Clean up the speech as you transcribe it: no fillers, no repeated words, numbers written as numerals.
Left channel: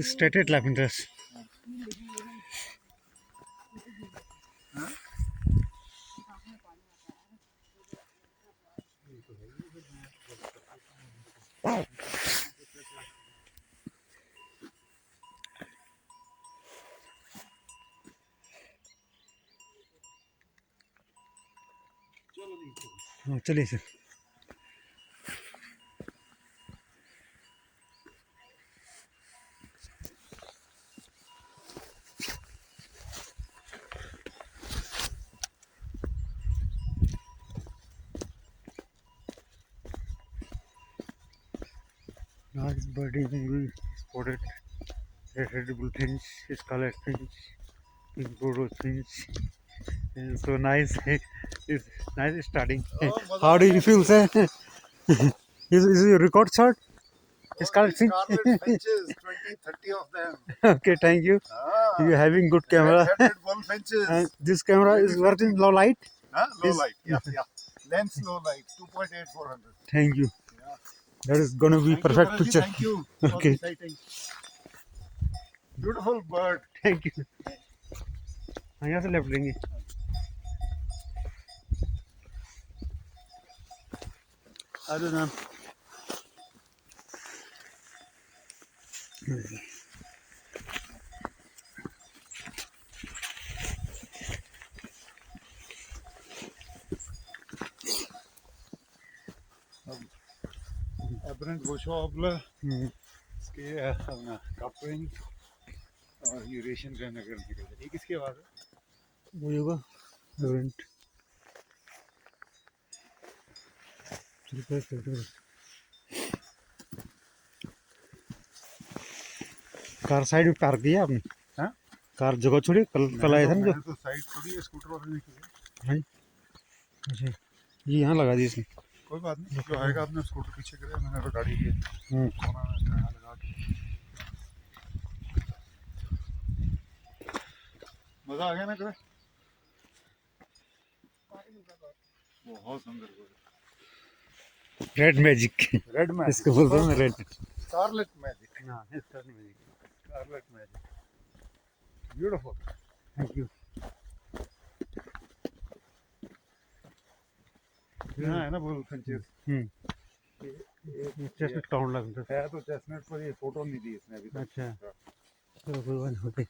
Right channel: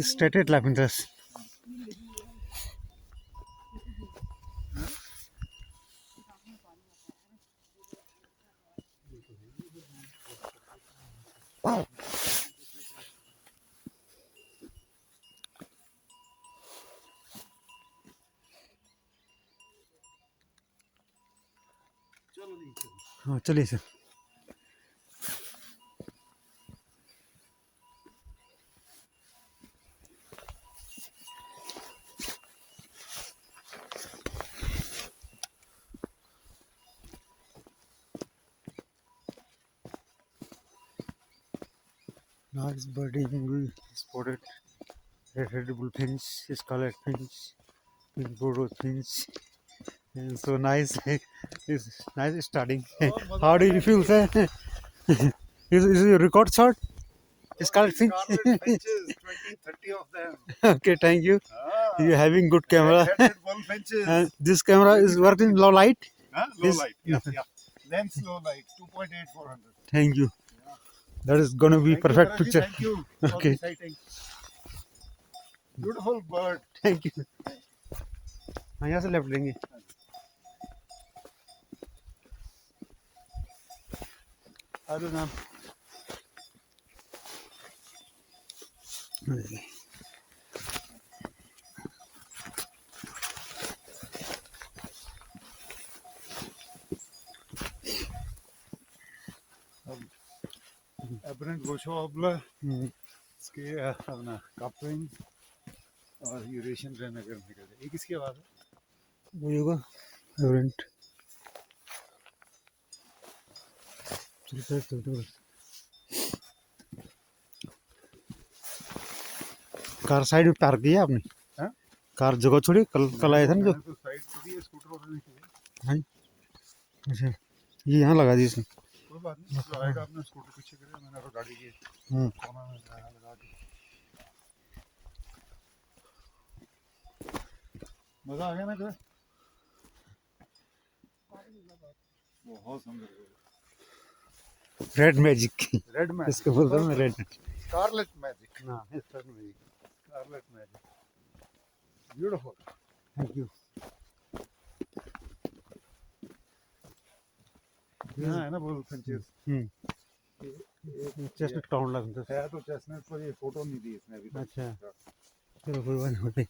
Stated life interest. हाँ चलिए sir. Large birding spotted red bullfinch, scarlet finch, Bodo finch. So nice. It's nice starting. How do you feel, sir? Is your record shot? Scarlet finch. Scarlet finches, 20, 30 of them. Okay, thank you. You're having good camera. Red bullfinches. This camera is working low light. Low light, yeah. Lens low light, 2.8 400. Thank you. Yeah. That is gonna be Thank you, perfect Bharatji, picture. thank you. Okay. For the sighting. Beautiful bird. Thank you. हाँ यहाँ से left लेंगे. अरे नाम. Aberrant Boschwabler. इसके अपना कपविंग और Eurasian grand नगर निकल ये किसकी आवाज़ है? वो होगा एवरेंट. कार साइड में पार्क किया आपने? हाँ? कार जगह छोड़ी कल आए थे ना जो. तो साइड छोड़ी है, स्कूटर वाले ने की है. हाँ. अच्छा ये यहाँ लगा दी इसने. कोई बात नहीं, जो आएगा आपने स्कूटर पीछे करे, मैंने तो गाड़ी की है. मजा आ गया ना कभी? बहुत सुंदर. Red magic. रेड मैजिक इसको बोलते हैं रेड. Scarlet magic. हाँ scarlet magic. Scarlet magic. Beautiful. Thank you. यहाँ है ना बुलफिंचेस. चेस्टनट काउंट लगता है तो चेस्टनट पर ये फोटो नहीं दी इसने अभी तक. अच्छा चलो कोई बात नहीं.